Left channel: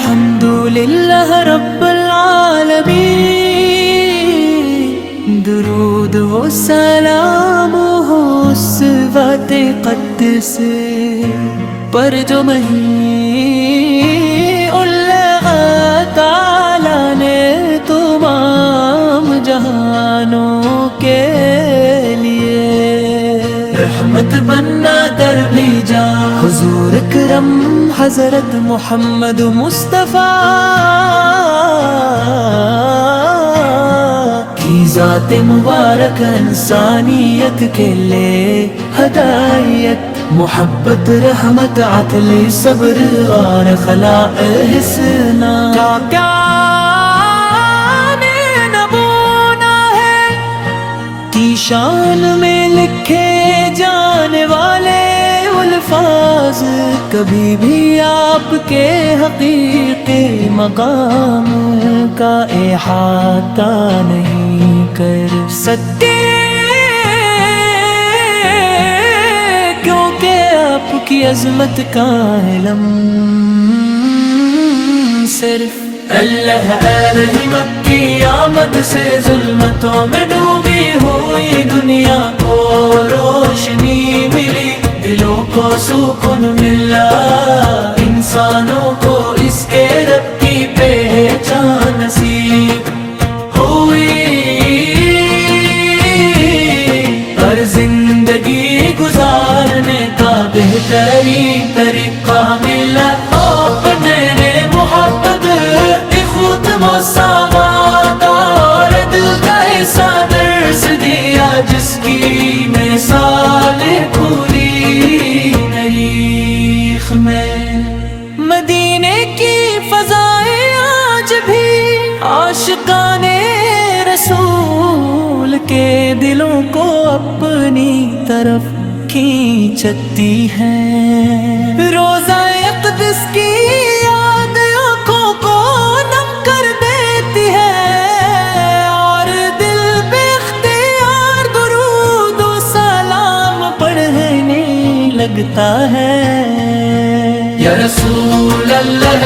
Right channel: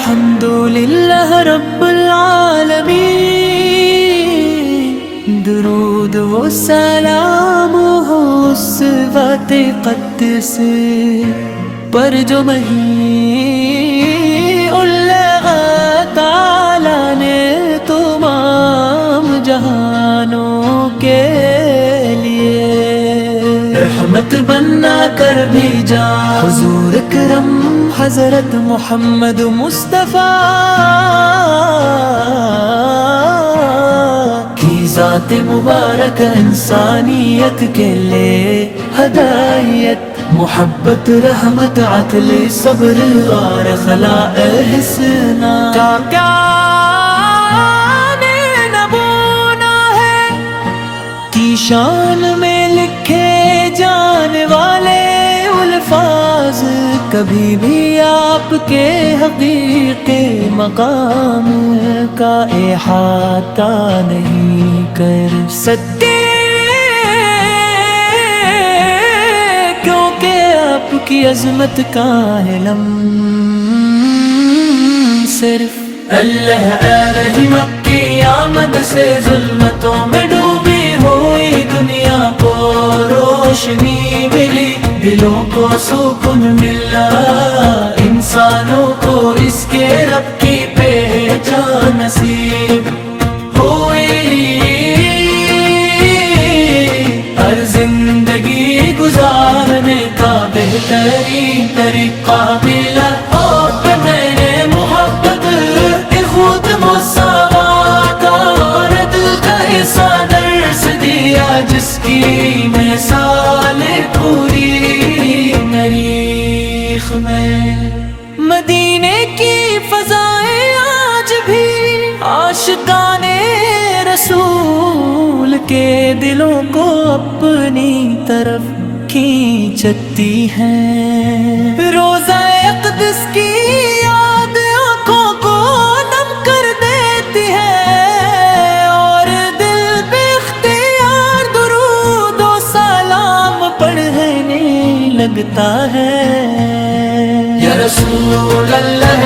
الحمدللہ رب العالمین، درود و سلام ہو اس ذات قدس پر جو مہین اللہ تعالی نے تمام جہانوں کے لیے رحمت بنا کر بھیجا۔ حضور اکرم حضرت محمد مصطفیٰ کی ذات مبارک انسانیت کے لئے ہدایت، محبت، رحمت، عدل، صبر اور خلاء حسنا کیا نبونا ہے کی شان میں لکھے جانے والے الفاظ کبھی بھی آپ کے حقیقی مقام کا احاطہ نہیں کر سکتے، کیونکہ آپ کی عظمت کا علم صرف اللہ علیہ کی آمد سے ظلمتوں میں ڈوبی ہوئی دنیا کو روشنی ملی، دلوں کو سکون ملا، انسانوں کو اس کے رب کی پہچان نصیب ہوئی۔ ہر زندگی گزارنے کا بہترین طریقہ ملا، اپنے محبت خود مساوات اور دل کا ایسا درس دیا جس کی مثال پوری تاریخ میں۔ مدینے کی فضائیں آج بھی عاشقان رسول کے دلوں کو اپنی طرف کھینچتی ہیں، روضہ اقدس کی یاد آنکھوں کو نم کر دیتی ہے اور دل بے اختیار درود و سلام پڑھنے لگتا ہے۔ یا رسول اللہ،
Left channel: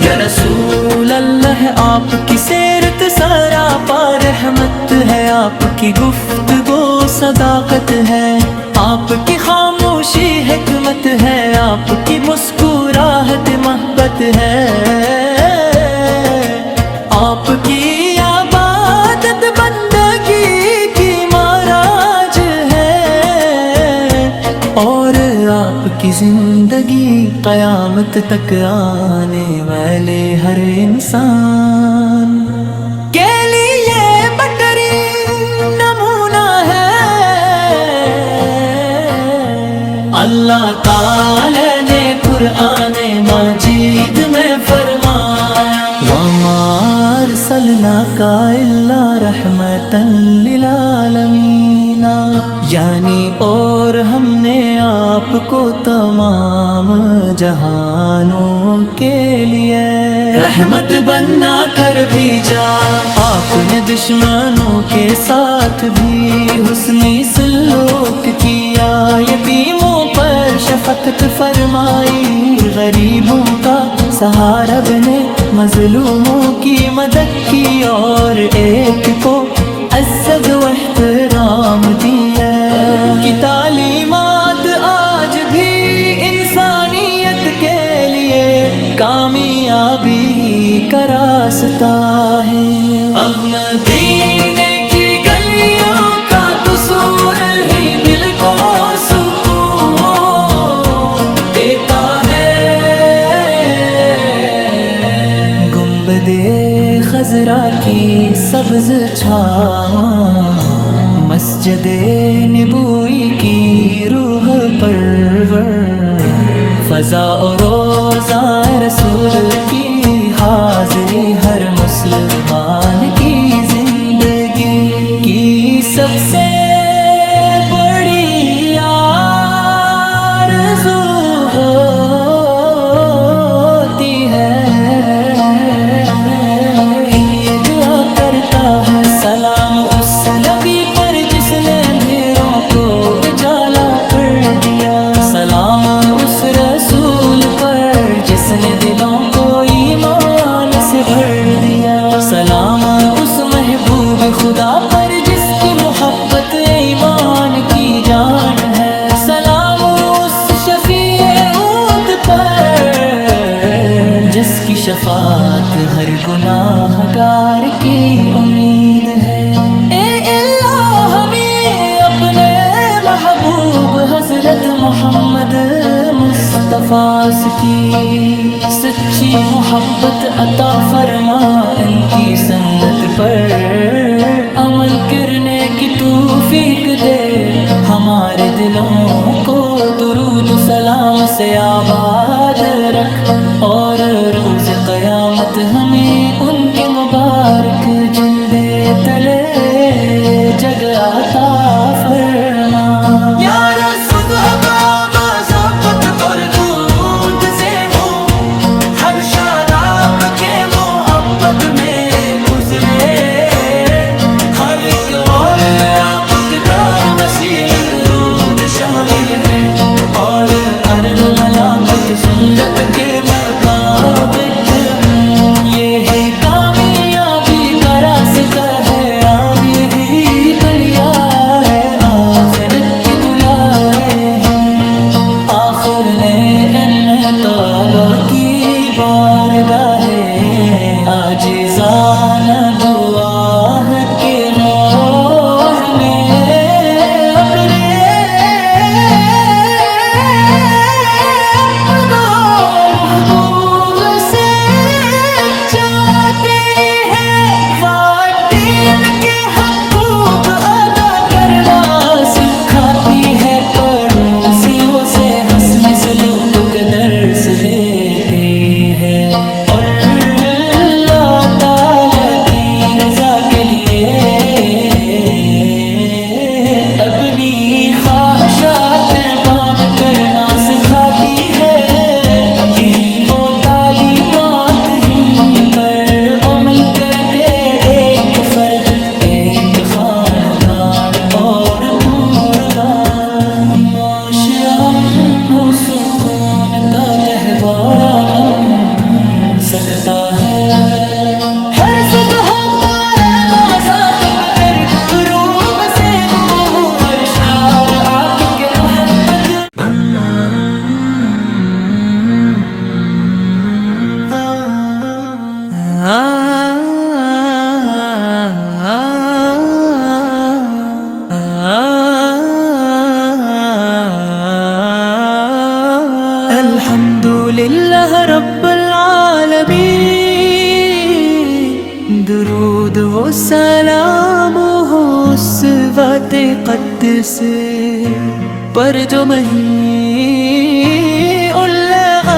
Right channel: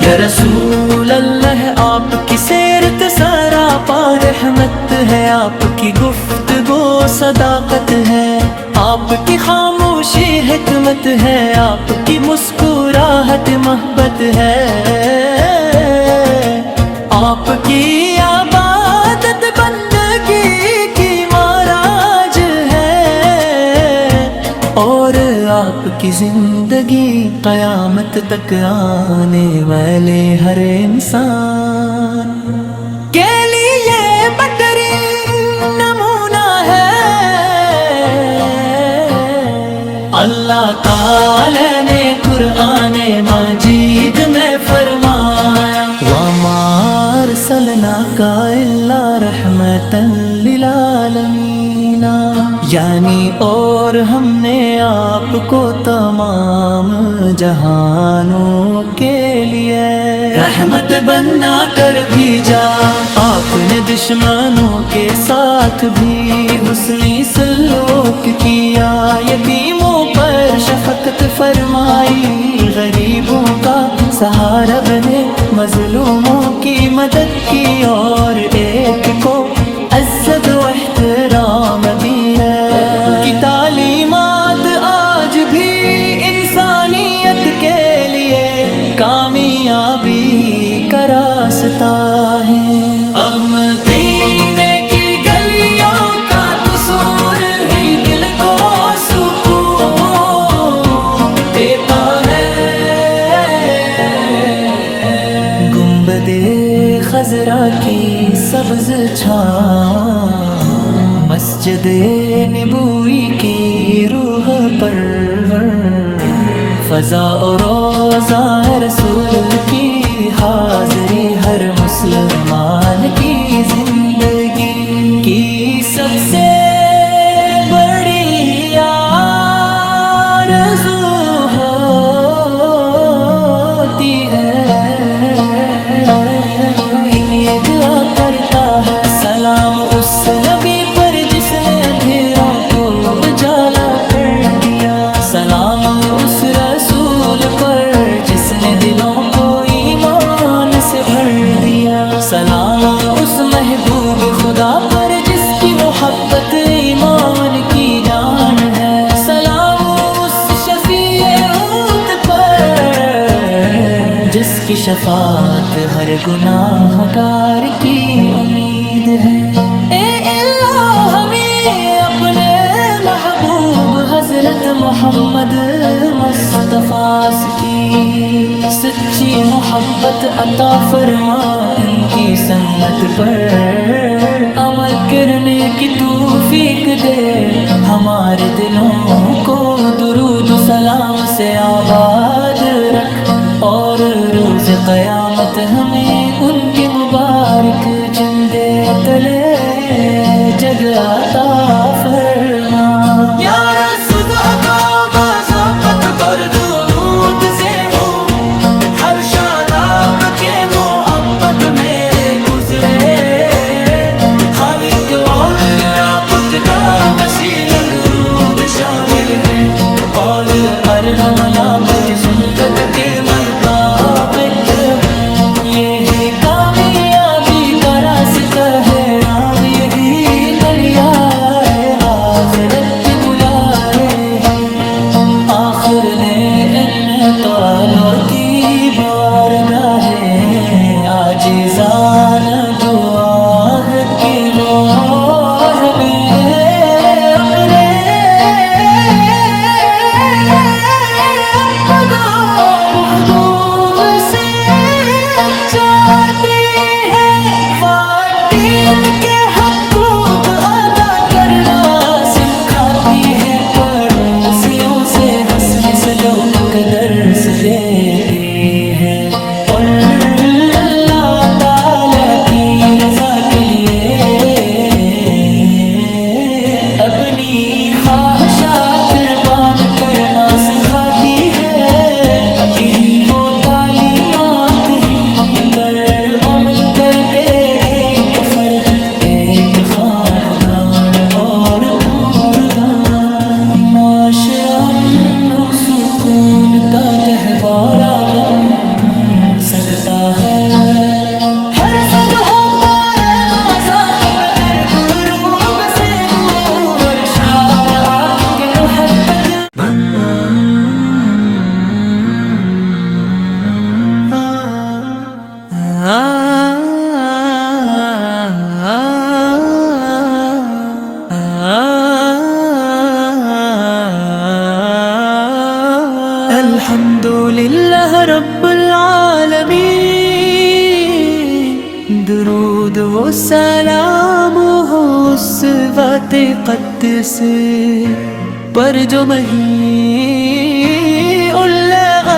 یا رسول اللہ، آپ کی سیرت سراپا رحمت ہے، آپ کی گفتگو صداقت ہے، آپ کی خاموشی حکمت ہے، آپ کی مسکراہٹ محبت ہے، آپ کی عبادت بندگی کی معراج ہے، اور آپ کی زندگی قیامت تک آنے والے ہر انسان کے لیے بہترین نمونہ ہے۔ اللہ تعالی نے قرآن مجید میں فرمایا، وَمَا أَرْسَلْنَاكَ إِلَّا رَحْمَةً لِلْعَالَمِينَ، یعنی اور ہم نے آپ کو تمام جہانوں کے لیے رحمت بنا کر بھیجا۔ آپ نے دشمنوں کے ساتھ بھی حسنی سلوک کیا، یتیموں پر شفقت فرمائی، غریبوں کا سہارا بنے، مظلوموں کی مدد کی اور ایک کو عزت و احترام دی ہے۔ کی تعلیمات آج بھی انسانیت کے لیے کامیابی کا راستہ ہے۔ اب مدینے کی گلیوں کا تصور ہی دل کو سکون دیتا ہے۔ گنبد خضرا کی سبز چھاواں، مسجد نبوی کی روح پرور، فضا اور روضہ رسول کی حاضری ہر مسلمان کی زندگی کی سب سے بڑی آرزو ہوتی ہے۔ یہ دعا کرتا ہے سلام اس نبی پر پر جس نے اندھیروں کو اجالا کر دیا، سلام اس رسول پر جس نے دلوں کو ایمان سے بھر دیا، سلام اس محبوب خدا پر جس کی محبت ایمان کی جان ہے، سلام اس شفیع امت پر جس کی شفاعت ہر گناہ گار کی امید ہے۔ اے اللہ ہمیں اپنے محبوب حضرت محمد مصطفیٰ کی سچی محبت عطا فرما، ان کی سنت پر عمل کرنے کی توفیق دے، ہمارے دلوں کو درود و سلام سے آباد رکھ، اور روز قیامت ہمیں ان کے مبارک جندے تلے جگ عطا فرما۔ یا رسول کا مذاقت پر درود سے ہو، ہر شاداب کے محبت میں گزرے، ہر ایک اور آپ کا وسیلہ درود شامل ہے، اور ارض ملابت سنت کے مرتبط ہوں، یہ ہے کامیابی کا راستہ ہے، اب یہی دلیائے آخرت کے بلائے ہیں، آخر نے ان تعالیٰ کی بارگاہ عاجزانہ دعا کے غور میں امرے محبوب سے جاتی ہے، والدین کے حقوق ادا کرنا سکھاتی ہے، پڑوسیوں سے ہنسنے سلوک کا درس دیتے ہیں، اور اللہ تعالی کی رضا کے لیے اپنی خواہشات قربان کرنا سکھاتی ہے، یہی وہ تعلیمات ہی پر عمل کر کے ایک فرد، ایک خاندان اور پورا معاشرہ امن و سکون کا گہوارہ بن سکتا ہے۔ ہر صبح پر مذاقت پھر غروب سے دور، اور شعر آپ کے محبت الحمدللہ رب العالمین، درود و سلام ہو اس ذات قدس پر جو مہین اللہ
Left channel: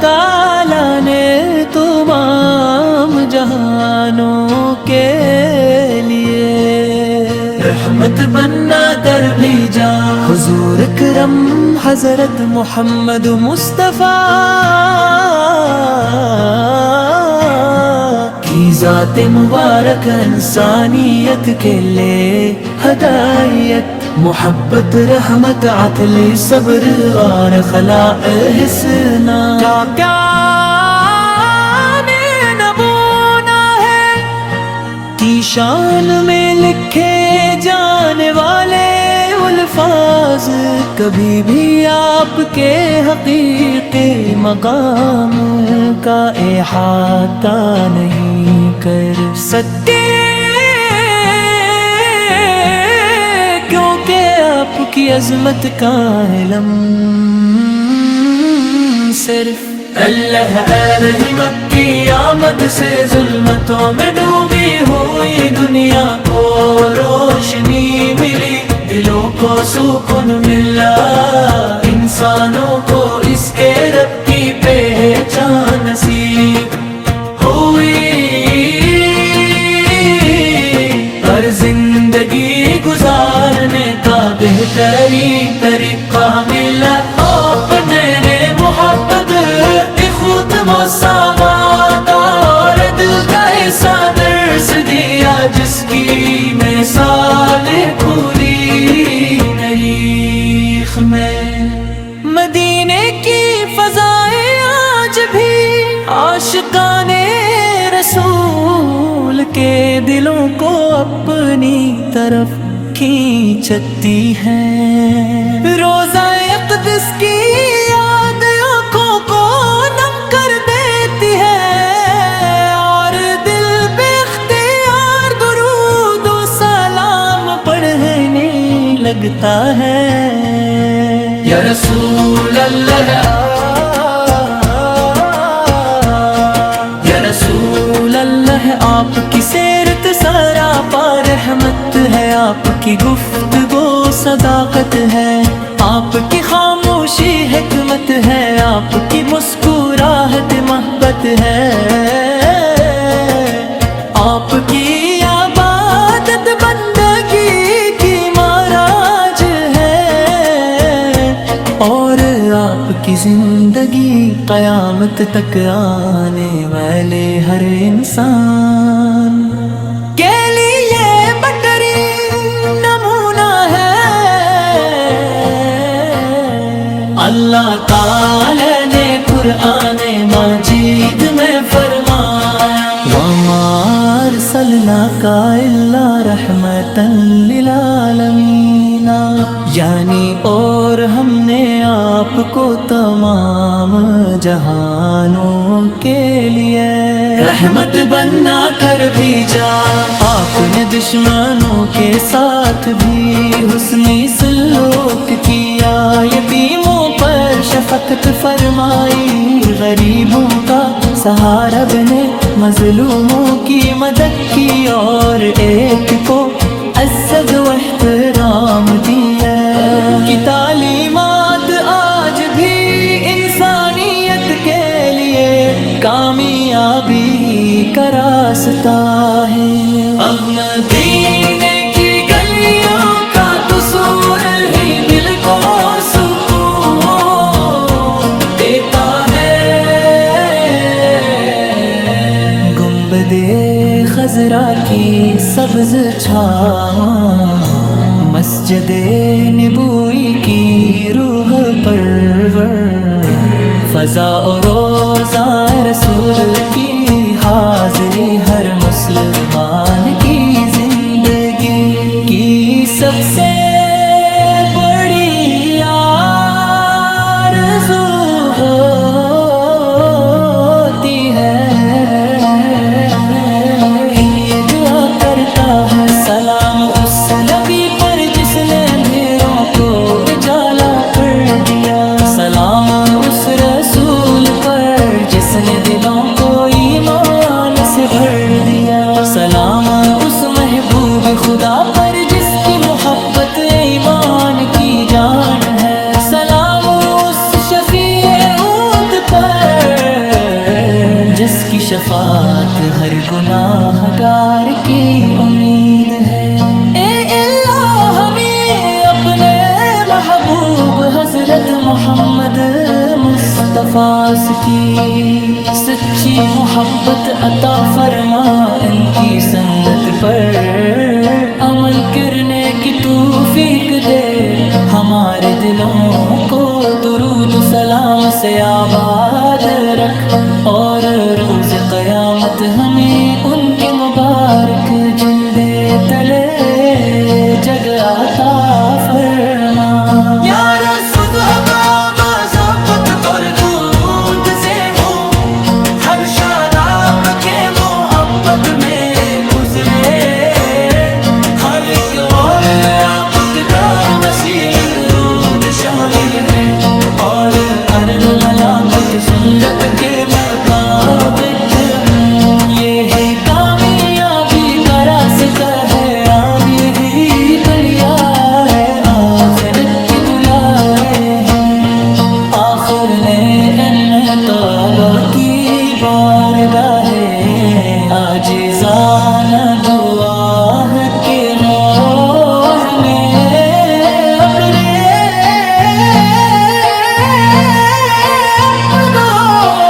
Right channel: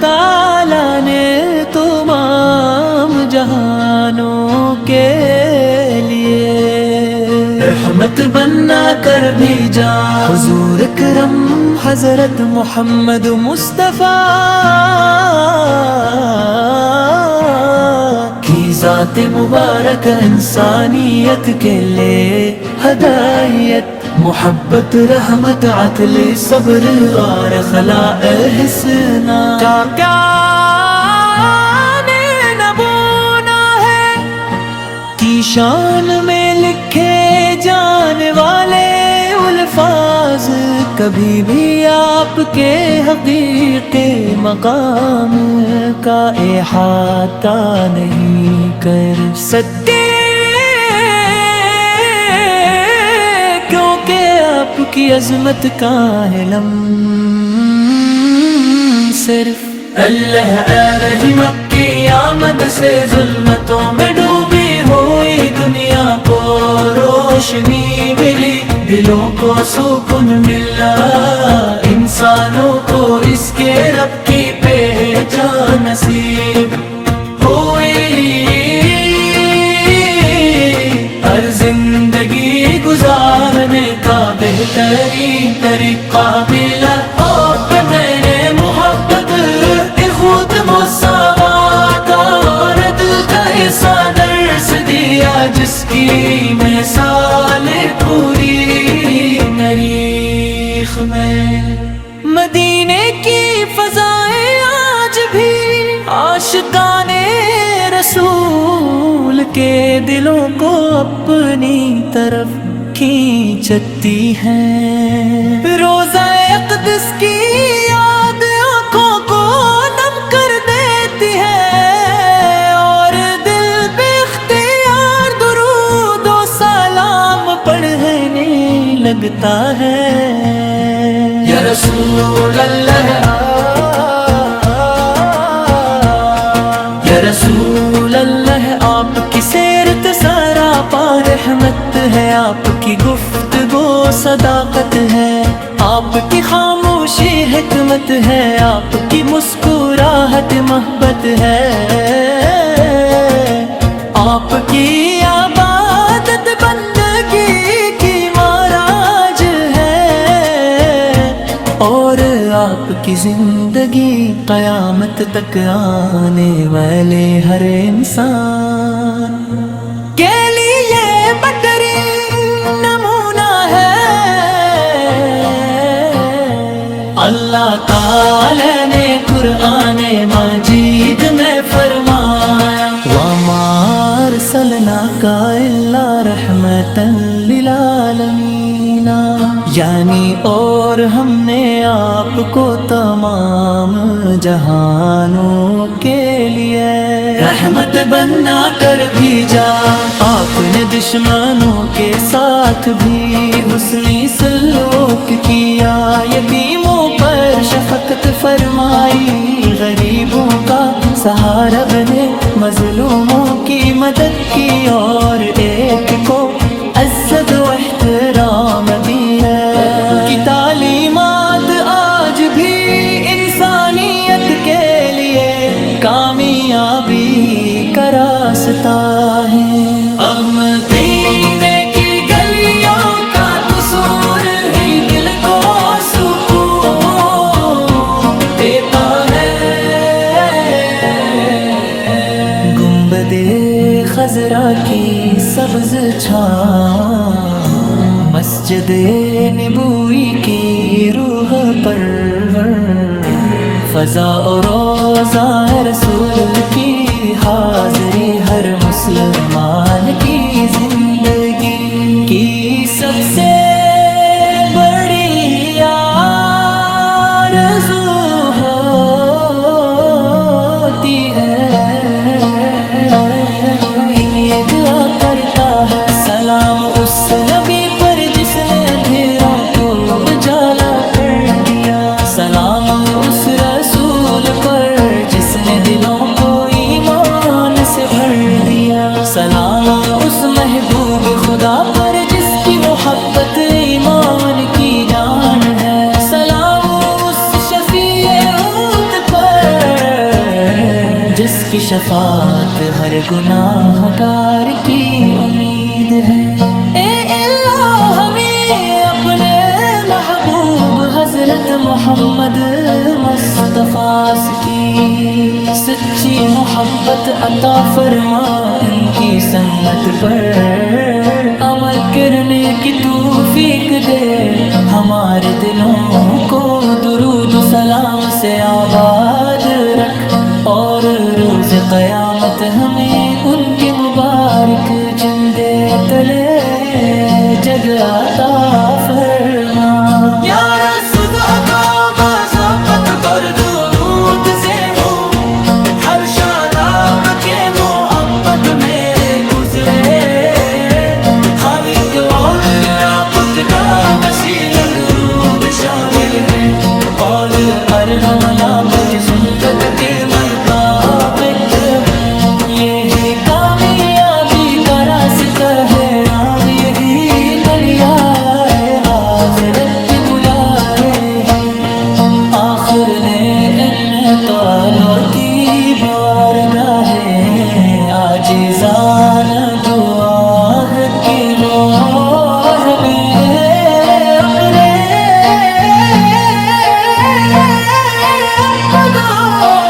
تعالیٰ نے تمام جہانوں کے لیے رحمت بنا کر بھیجا، حضور اکرم حضرت محمد مصطفیٰ کی ذات مبارک انسانیت کے لئے ہدایت، محبت رحمت عدل صبر اور خلاء حسنا کا نبونا ہے، کی شان میں لکھے جانے والے الفاظ کبھی بھی آپ کے حقیقی مقام کا احاطہ نہیں کر سکتے، کیونکہ آپ کی عظمت کا علم صرف اللہ علیہ کی آمد سے ظلمتوں میں ڈوبی ہوئی دنیا کو روشنی ملی، دلوں کو سکون ملا، انسانوں کو اس کے رب کی پہچان نصیب ہوئی، ہر زندگی گزارنے کا بہترین طریقہ ملا، اپنے محبت خود مساوات اور دل کا ایسا درس دیا جس کی مثال رخ میں۔ مدینے کی فضائیں آج بھی عاشقانے رسول کے دلوں کو اپنی طرف کھینچتی ہیں۔ روضہ اقدس کی یاد آنکھوں کو نم کر دیتی ہے، اور دل بے اختیار درود و سلام پڑھنے لگتا ہے۔ یا رسول اللہ، یا رسول اللہ، آپ کی سیرت سراپا رحمت ہے، آپ کی گفتگو صداقت ہے، آپ کی خاموشی حکمت ہے، آپ کی مسکراہٹ محبت ہے، آپ کی عبادت بندگی کی معراج ہے، اور آپ کی زندگی قیامت تک آنے والے ہر انسان کے لیے بہترین نمونہ ہے۔ اللہ تعالی نے قرآن مجید میں فرمایا، وَمَا أَرْسَلْنَاكَ إِلَّا رَحْمَةً لِلْعَالَمِينَ، یعنی اور ہم نے آپ کو تمام جہانوں کے لیے رحمت بنا کر بھیجا۔ آپ نے دشمنوں کے ساتھ بھی حسنی سلوک کیا، یتیموں پر شفقت فرمائی، غریبوں کا سہارا بنے، مظلوموں کی مدد کی، اور ایک کو عزت و احترام دی ہے۔ کی تعلیمات آج بھی انسانیت کے لیے کامیابی کا راستہ ہے۔ اب مدینے کی گلیوں کا قصور ہی دل کو سکون دیتا ہے۔ گنبد خضرا کی سبز چھاواں، مسجد نبوی کی روح پرور، فضا و روضہ رسول کی حاضری ہر مسلمان کی زندگی کی سب سے بڑی آرزو ہوتی ہے۔ یہ دعا کرتا ہے، سلام اس نبی پر جس نے اندھیروں کو اجالا کر دیا، سلام اس رسول پر جس نے دلوں کو ایمان سے بھر دیا، سلام اس محبوب خدا پر جس کی محبت ایمان کی جان ہے، سلام اس شفیع امت پر جس کی شفاعت ہر گناہ گار کی امید ہے۔ اے اللہ، ہمیں اپنے محبوب حضرت محمد مصطفیٰ کی سچی محبت عطا فرما، ان کی سنت پر عمل کرنے کی توفیق دے، ہمارے دلوں کو درود و سلام سے آباد رکھ، اور روز قیامت ہمیں ان کے مبارک جندے تلے جگ عطا فرما۔ یا رسول کا مذاقت پر درود سے ہو، ہر شاداب کے محبت میں گزرے، ہر ایک اور آپ کا وسیلہ درود شامل ہے، اور ارد ملاب کی سنت کے مرتبط ہوں، یہ ہے کامیابی کا راستہ ہے، اب یہی گلیائے آخرت کی بلائے ہیں، آخر نے ان تالوں کی بارگاہ عاجزانہ دعا کے غور میں ابرے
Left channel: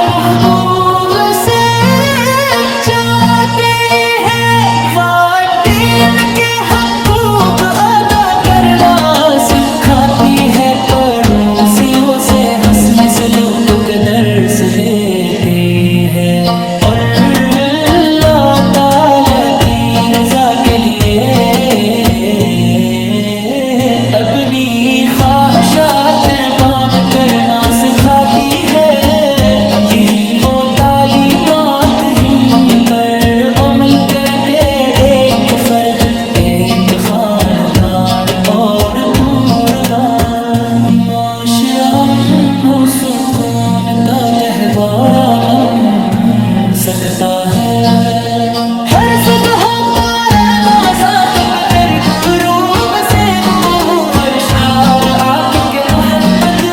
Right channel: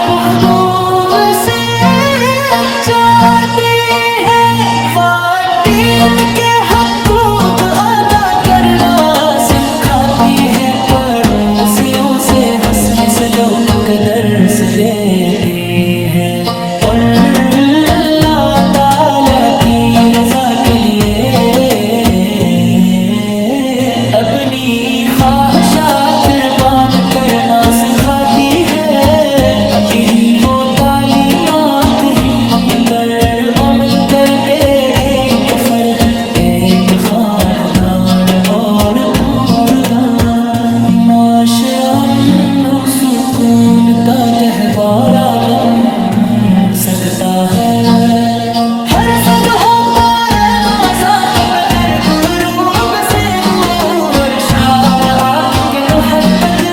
محبوب سے جاتی ہے، والدین کے حقوق ادا کرنا سکھاتی ہے۔ پڑوسیوں سے ہنسنے سے لوگ کا درس دیتے ہیں، اور اللہ تعالی کی رضا کے لیے اپنی خواہشات قربان کرنا سکھاتی ہے۔ یہی وہ تعلیمات ہی پر عمل کر کے ایک فرد، ایک خاندان اور پورا معاشرہ امن و سکون کا گہوارہ بن سکتا ہے۔ ہر صبح پر نازک پتر غروب سے اور شار آنکھ کے محبت